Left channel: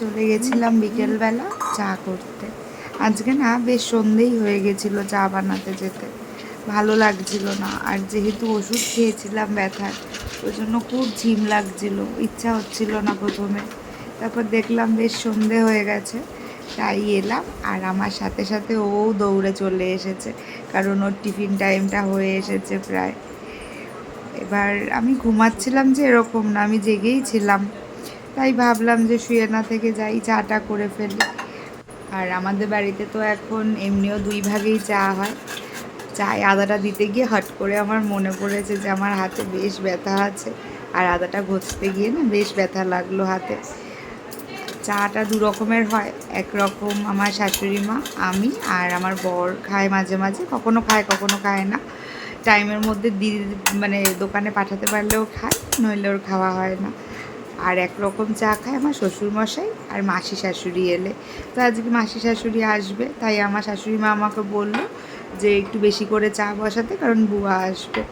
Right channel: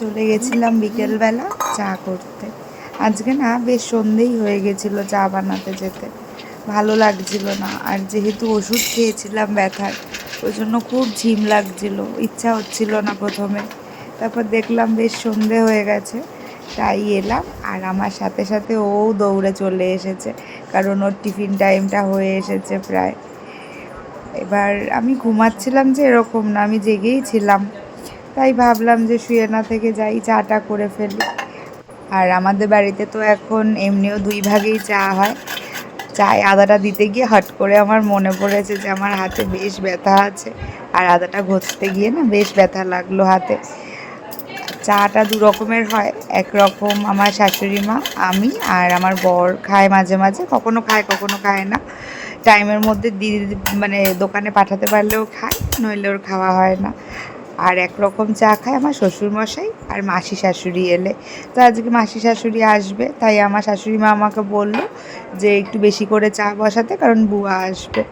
চলে গেছিলাম বিকেলবেলা চা করতে। আজকে না বেশ সন্ধেই হয়ে গেছিলো চা বানাতে যেতে, ভালো লাগছিল না। আর যেহেতু ওষুধ খেয়েছিলাম ব্যথার, ওই জন্য খুব ঝিম লাগছিল, ইচ্ছা হচ্ছিল না প্রথমে। তারপর দেখলাম বেশ সন্ধে হয়ে গেছে, তাই এলাম। আর আমার সাথে সাথে ও দৌড়ে চলে এসেছে, কারণ ওর টিফিন টাইমটা হয়ে এসেছে প্রায়। এবার আমি ঘুমাচ্ছিলাম যে এরকম না, আমি জেগেই ছিলাম। তাই ভাবলাম যে শুয়ে না থেকে যাই, চাটা করে ফেলি। আর আমাদের বাড়িতে তো এখন এমনিও 2 ভাগেই চা হয়। চায়ে আদাটা দিতে গিয়ে হট করে আমার মনে পড়েছে যে আমার হাতে বেশ ব্যথা আছে, আর আদাটা ঘষতে গিয়ে না বেশ ব্যথা লাগলো হাতে। চাটা 2 রকমের হয়, একরকম আমার শাশুড়ি মা, আমি আর আমার বর খায় মাঝে মাঝে, কখনো খায় কখনো খায় না। টাইমের মধ্যে মানে দোকানে পাঠাতে পারলেও খায়, নইলে ওর খাওয়া হয় না। আর একরকম চা খায় আমার শ্বশুরমশাই আর মাসি শাশুড়ি এলে। তো আজকে মাসি শাশুড়ি আসবে, তাই আমার শাশুড়ি মা আমাকে বলল যে একটু বেশি করে চা বসাতে, কারণ বুয়া আসবে।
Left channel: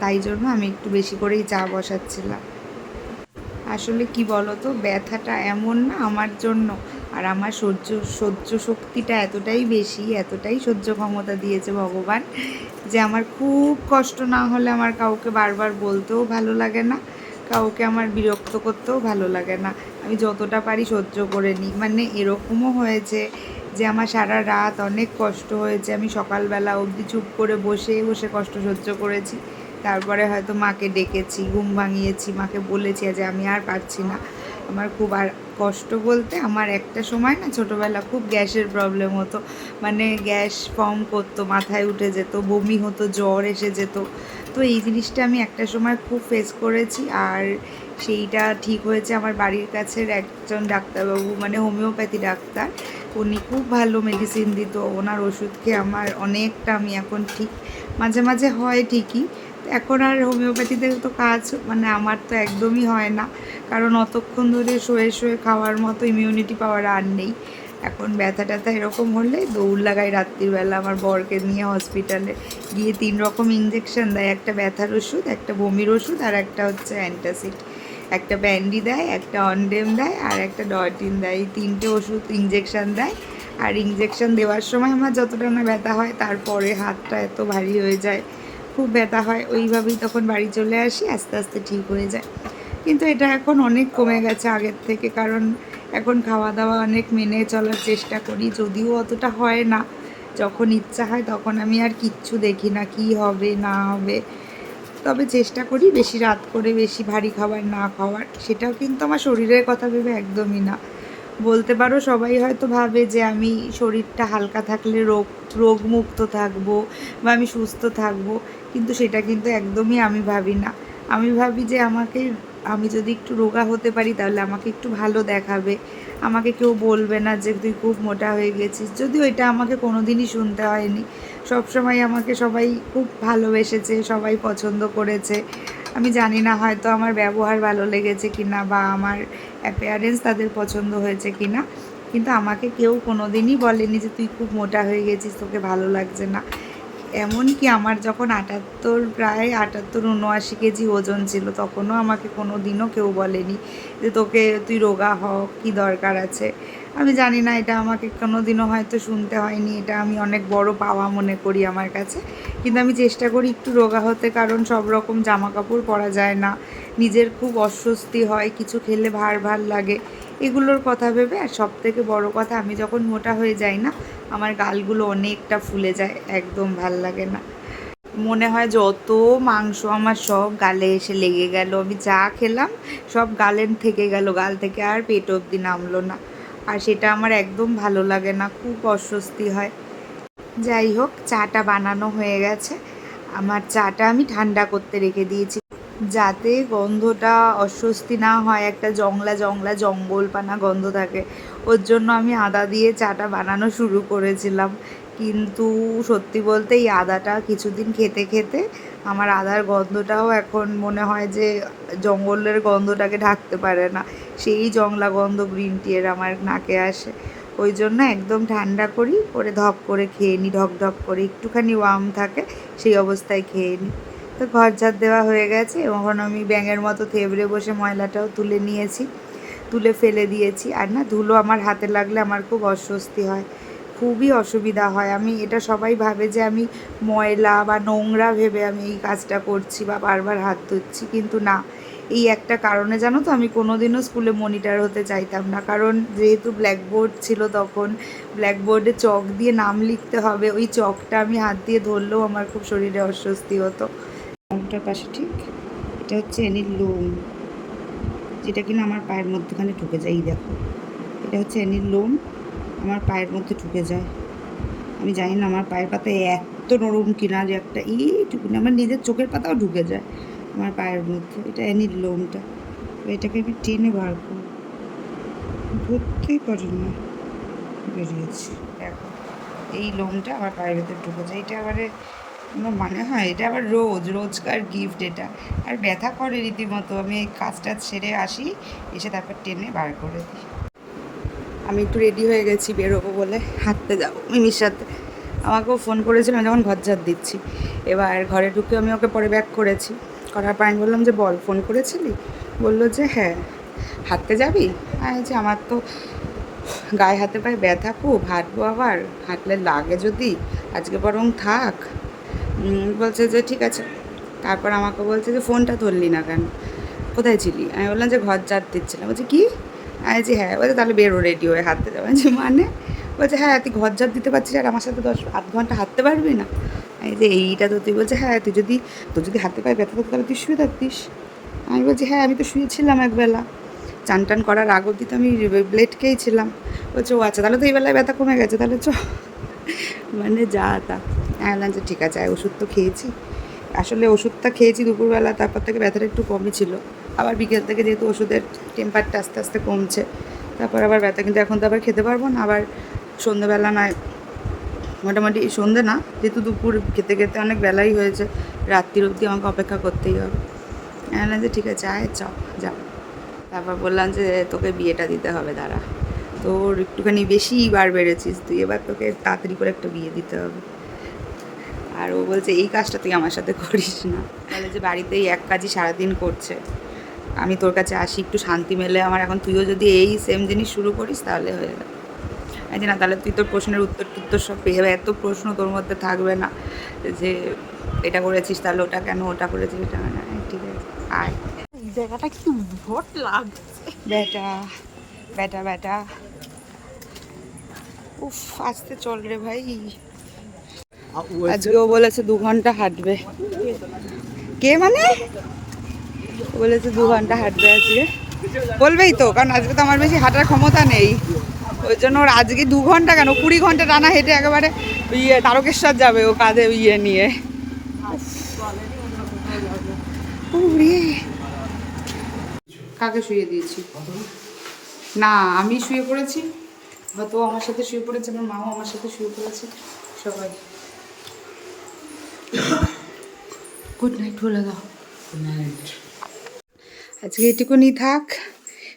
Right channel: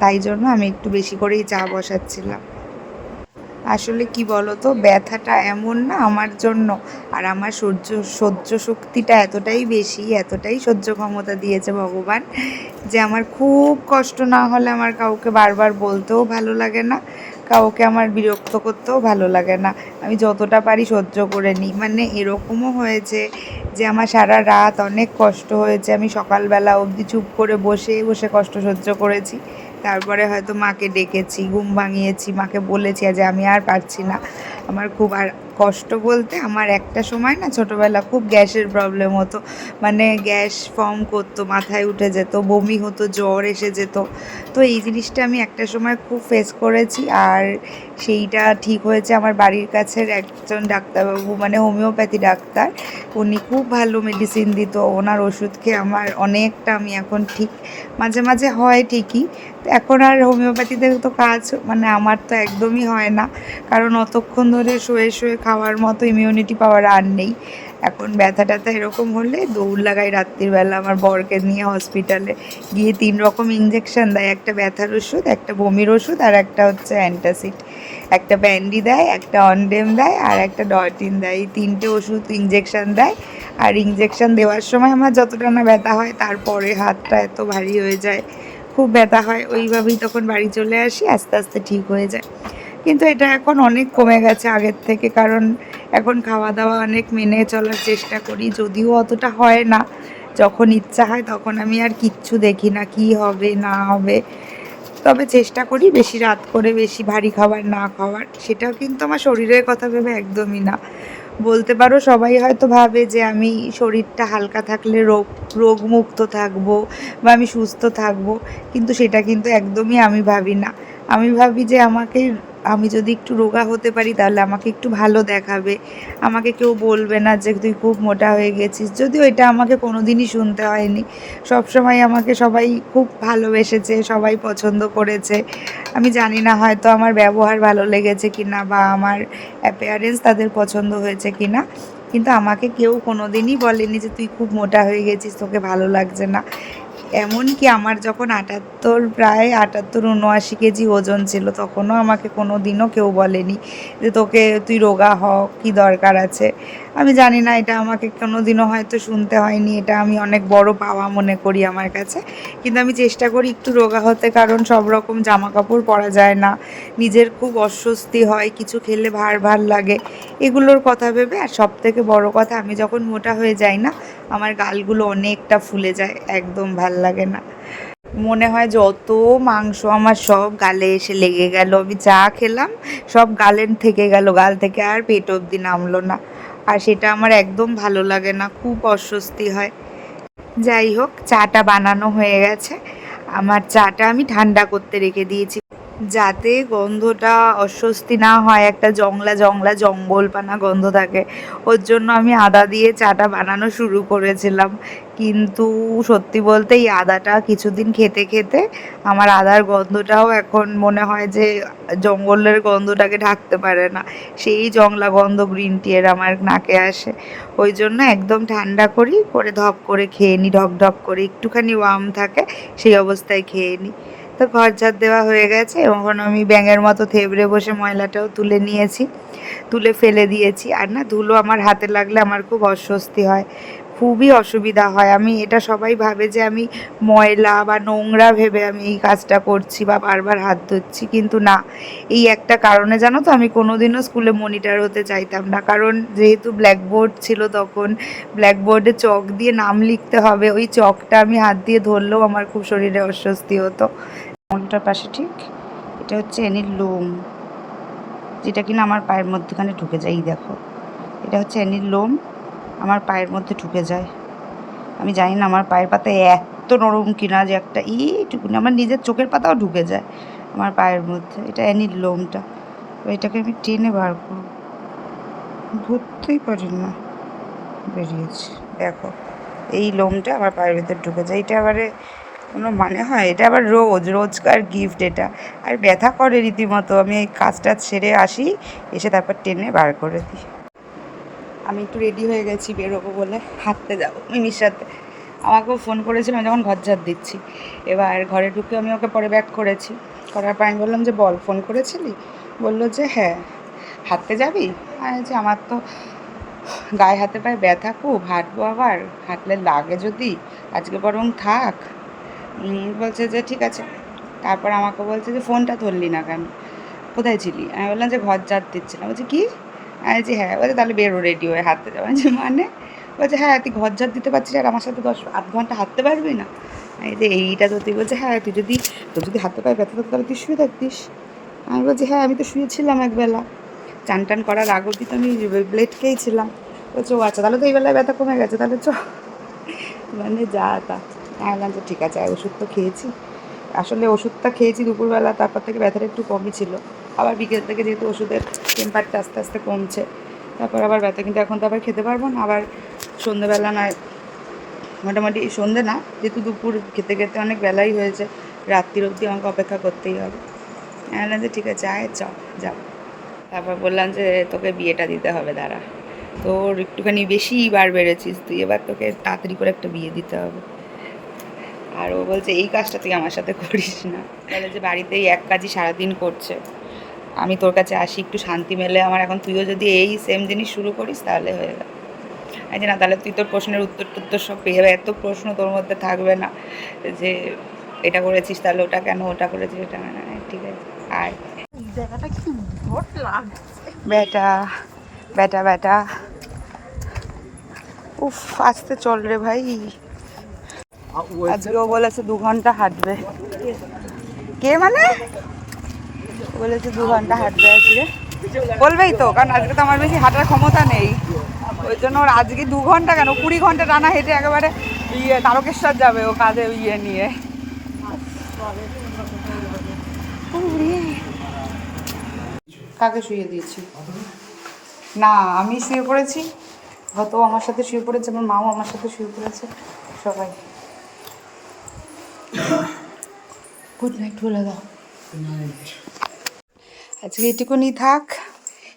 তাই জন্য আমি একটু বেশি করেই চা বসাচ্ছিলাম। আসলে কি বলতো, ব্যথাটা এমন না আমার জন্য, আর আমার সহ্য শক্তিটা এতটাই বেশি, এতটাই সহ্য ক্ষমতা দিয়েছে ভগবান, যে আমার খুব কষ্ট না হলে আমার কাউকে বারবার বলতেও ভালো লাগে না, কাউকে আমার বিরক্ত করতেও ভালো লাগে না। আমি যতটা পারি সহ্য করে নিই। মানে এরকমও হয়েছে যে আমার সারা রাত অনেক কষ্ট হয়েছে, আমি সকালবেলা অবধি চুপ করে বসে বসে কষ্ট সহ্য করেছি। তারপরে হয়তো মাকে ডেকেছি, ঘুম ভাঙিয়েছি, মাকে বলেছি যে আমি আর পারছি না, আমার খুব। আর কষ্ট বলতে আমার একটা সময় না ছোটোবেলা খুব গ্যাসের প্রবলেম হতো, মানে গ্যাস ফর্ম করতো, মাথায় উঠে যেত, বমি হতো, জ্বর এসে যেত। তো এই জিনিসটা আমি একটা সময় খুব ফেস করেছি, আর সেইটা ঠিক হয়েছে আমার বাড়ির কাছের একজন ডাক্তারবাবু, মানে হোমিওপ্যাথি ডাক্তার। উনি খুব ভালো মেডিসিন দিত, ওনার ওষুধ খেয়ে আমার অনেকটা, আমি এখন ঠিক। মাঝে মাঝে হয় ঠিকই, এখন আর হোমিওপ্যাথিতে তো কাজ, মানে আমার তো একদমই হয় না, কারণ অতক্ষণ ধরে শুয়ে শুয়ে খাওয়ার মতো ইমিউনিটি পাওয়ার আর নেই। এখন ব্যথা ট্যাথা এরকম হলে দৌড় লাগাই রাত্রিবেলা আমার বরকে নিয়ে হসপিটালে, গিয়ে 3 রকম ইঞ্জেকশন দেয়, একটা ব্যথার ওষুধ, একটা বমির ওষুধ, আর একটা হচ্ছে অ্যান্টাসিড। একটা ব্যান্ডি দেয়, একটা অনডেম দেয়, আর একটা ডরটিন দেয়। এই 3টে ওষুধ ইঞ্জেকশন দেয়। আর ইঞ্জেকশন দেওয়ার সময় আমার যতটা না ব্যথা হয়, তারপরে হাতটা এত ভারী হয়ে যায়, খুব ব্যথা হয়। ওইভাবেই তখন বাড়ি চলে আসি, আস্তে আস্তে ঠিক হয়ে যায়। কিন্তু এটা এখন অনেক কমে গেছে আগের থেকে, কারণ এখন খাওয়া দাওয়া অনেক মেনে চলার চেষ্টা করি, যদিও অতটা হয় না। যখন ইচ্ছা হয় তখন আমি আর কিচ্ছু দেখি না কী হবে না হবে, তবে চেষ্টা করি বেশি রাত করে বেশি ভারী খাবার না খাওয়ার। সেটাও কিন্তু আমার শরীরের কথা ভেবে একদমই না। বলতে পারো সবাই হয়তো ভাবে যে আমি শরীরটা হালকা থাকলে রোগমুক্ত থাকবো, বা আমি সুস্থ থাকবো, কিন্তু সেটা কিন্তু একদমই আমি ভাবি না। আমি ভাবি যে আমি যদি একটু রোগা হতে পারি তাহলে আমাকে একটু ভালো দেখাবে, আমাকে কেউ বলবে না যে তুই খুব মোটা হয়ে গেছিস। যদিও এটা আমাকে কোনো দিনই শুনতে হয়নি, সবসময় আমাকে সবাই খুব ভালোবেসেছে, সবাই পছন্দ করেছে। আমি জানি না হয়তো আমার ব্যবহার ভালো লেগেছে কি না, বা আমার অ্যাপিয়ারেন্স তাদের পছন্দ হয়েছে কি না, কিন্তু আমাকে কেউ কোনো দিনই বলেনি যে তুই খুব মোটা হয়ে গেছিস, তোকে ভালো লাগছে না। এমনকি আমার যখন 78, প্রায় 78-79 কেজি ওজন ছিল, তখনও আমাকে কোনো দিনও কেউ বলেনি যে তুই রোগা হ, কী দরকার আছে। আমি জানি না, এটা আমাকে কোনো দিনও হয়তো শুনতে হয়নি, এটা আমি অনেক বড় পাওয়া মনে করি আমার কাছে। কিন্তু আমি চেষ্টা করি একটু রোগা হতে, কারণ সব রকম জামা কাপড় পরা যায় না, নিজের খুব অস্বস্তি হয়, কিছু খেলে ভার ভার লাগে, এগুলোর কথা ভেবে। আর সব থেকে বড় কথা, আমি যখন মোটা হয়ে যাই না, আমার গালগুলো অনেকটা ফুলে যায়, একদম ভাল লাগে না। মনে হয় যত মাংস আমার সব গালে এসে লেগে গেল, আমি যা খেলাম সব গালে থেকে গেল, গাল থেকে আর পেট অবধি নামলো না। আর সেটা আমার একদম ভালো লাগে না, খুব অস্বস্তি হয়। যাই হোক, চাটা বানানো হয়ে গেছে। আমার চাটা আমি ঠান্ডা করতে রেখে দিয়েছি, যাতে গন্ধটা অস্বস্তি না হয়, একটা জংলা জংলা জঙ্গলপানা গন্ধ থাকে। ওর জন্য আমি আদা দিয়ে চাটা বানানো শুরু করেছিলাম, কিন্তু সত্যি বলতে এই আদাটা কিছুদিন খেতে খেতে আমার আদার গন্ধটাও এখন মনে হয় যে জঙ্গলের গন্ধটাকে ঢাকতে পারে না, সেই জংলা গন্ধ গ্রিন টিয়ের আমার নাকে আসে। ওই জন্য একদম ঠান্ডা করে ধপ করে খেয়ে নিই, ঢক ঢক করে, একটুখানি ওয়ার্ম থাকে সেই অবস্থায় খেয়ে নিই। তো ঘর ঝাড় দেওয়া হয়ে গেছে, এখন আমি ব্যাঙের মতো থেবড়ে বসে ময়লাটাও তুলে নিয়েছি। তুলে ফেলে দিয়েছি। আর না ধুলো আমার হাতে লাগলে আমার খুব অস্বস্তি হয়, খুবই অসুবিধা হয়। আমি এটা সবাই ভাবে যে আমি ময়লা বা নোংরা ভেবে আমি এই কাজটা করছি বা বারবার হাত ধুচ্ছি, কিন্তু না, এই একটা কারণে জানো তো আমি কোনোদিনও স্কুলে মনিটর হতে চাইতাম না। কারণ যেহেতু ব্ল্যাকবোর্ড ছিল তখন, ব্ল্যাকবোর্ডে চক দিয়ে নাম লিখতে হবে, ওই চকটা আমি হাত দিয়ে ধরলেও আমার খুব শরীরে অস্বস্তি হতো। কোনটার পাশে ঠিক, এটা হচ্ছে এনির লোম, যেটা কিনা আমার পায়ের মধ্যখানে ঢুকে যায়। এই দেখো, এটা হচ্ছে এনির লোম, আমার পায়ের মধ্যে ঢুকে যায়। আমি জানি না আমার পায়ের পাতা এত নরম কিনা যে একটা এইটুকুনি আমার নিজের চোখের পাতাও ঢুকে যায় আমার পায়ের মধ্যে। এটা অ্যানির লোমটা, এটাকে আমি টেনে বার করব, ধরতেই পারি না, বেরিয়েছি। দেখো এই লোমটা আমার পায়ের ভেতর ঢুকে যায়, এটা আবার কোনো মানে হয়? এটা আবার রোজকার গিফট এটা, আর ব্যথা করে রীতিমতো। আমি এই কাজটা সেরে আসি, এসে তারপর টেনে বার করে দিই। আমি একটু রেডি হয়ে গেছি বেরোবো বলে, হাঁটতে যাবো মিমির সাথে। আমাকেও ফোন করেছিলাম যখন ঘর ঝাড় দিচ্ছি। এবার ঘরে ঢুকে আমি ওকে পরে ব্যাক করেছি, করার পর আমি বললাম যে বল, ফোন করেছিলি? বললো যে হ্যাঁ। হাঁটতে যাবি? আর যে আমার তো গায়ে হাতে পায়ে ব্যথা খুব, হাঁটবো আবার, হাঁটলে লাগে যদি, আজকে বরং থাক। বলছে যে ঠিক আছে। তারপর আমাকে বলছে যে ফোনটা ধরলি না কেন, কোথায় ছিলি? আমি বললাম যে ঘর ঝাড় দিচ্ছিলাম। বলছে কি? আমি বলছি হ্যাঁ। বলছে তাহলে বেরো রেডি হয়ে হাঁটতে যাবো। যে মানে? বলছে হ্যাঁ, তুই ঘর ঝাড় দিতে পারছিস আর আমার সাথে 8 ঘন্টা হাঁটতে পারবি না? আমি যে এইটা তো তুই, বলছে হ্যাঁ, তোর যদি হাতে পায়ে ব্যথা থাকতো তাহলে তুই শুয়ে থাকতিস। আমি বলছি হ্যাঁ, আমি তো শুয়েছিলাম একবেলা, চান টান করার আগ অবধি তো আমি ব্লেড খেয়েছিলাম। বলছে ও আচ্ছা, তাহলে তো এই বেলায় ব্যথা কমে গেছে, তাহলে চ। মানে যা তা। আমি বললাম যে ঠিক আছে, ওষুধ তো খেয়েছি। আসলে ওষুধটা খেয়েছি দুপুরবেলা, তারপর থেকে ব্যথাটা একটু কমই ছিল। আবার বিকেল থেকে যেহেতু ওষুধের টেম্পারটা আস্তে আস্তে কমছে, তারপর আবার ব্যথা, কিন্তু এখন তো আবার খেতে পারবো না। আবার সন্ধ্যেবেলা নয়, মোটামুটি সন্ধ্যে না, যেহেতু দুপুর খেতে খেতে অনেক বেলাই হয়েছে, রাত্রির অবধি আমাকে অপেক্ষা করতেই হবে। আমি বললাম যে ঠিক আছে, আয় যাও। তারপর বললাম যে তোকে বিয়েটা দিতে হবে, দাঁড়া, তোর একটুখানি বেশি বার বেড়েছিস তুই, এবার তোকে তাড়াতাড়ি করে একটা বিয়ে দিতে হবে। আর ও বলছে এই কাজটা তুই আমার সাথে করিস না, বলে যে বাড়িতেই এক কাজই সারাদিন করছে, আমি তোর কাছে আসি একটু শান্তি মেলে আমার। এখন তুইও যদি এই সেম জিনিস শুরু করিস তাহলে হয়ে গেল। এই যে না, তাহলে তুই তোর প্রশ্নের উত্তর সব পেয়ে যাবে, এত প্রশ্ন তোর মধ্যে থাকবে না যে এটা করেছিস তাহলে ওটা কেন, ওটা করেছিস এটা না। ঠিক আছে আয়। জায়গাটা কি ভোট লাগছে বেটা বেটা বেটা, উফ আস্তে চল রে ভাই। আজকেও বলেছে 2 ঘন্টা হাঁটবে। কে মানে? বলেছে 2 ঘন্টা হাঁটবে আজকে। বলবেই তো, কারণ আজকে তো আমার বেশি হাঁটার ক্ষমতা নেই, ওই জন্য ওর আজকে 2 ঘন্টা কেন 20 ঘন্টা টানা হেঁটে একেবারে তারকেশ্বর যাবে ও, কাঁধে নিয়ে। কাকে শুয়ে দিয়েছি? না, আমি শুয়ে পড়েছি, হয়তো আমার সাথে শুয়ে পড়েছে, আমার মাও আমার সাথে শুয়ে পড়েছে, সবাই। গুড নাইট বলে দাও। আজকে এটুকুনি থাক,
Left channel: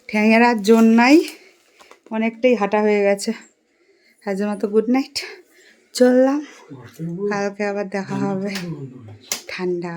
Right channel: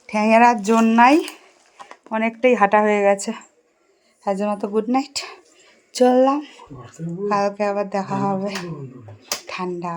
ঠ্যাঙের আর জোর নাই, অনেকটাই হাঁটা হয়ে গেছে। আজের মতো গুড নাইট, চললাম, কালকে আবার দেখা হবে। ঠান্ডা।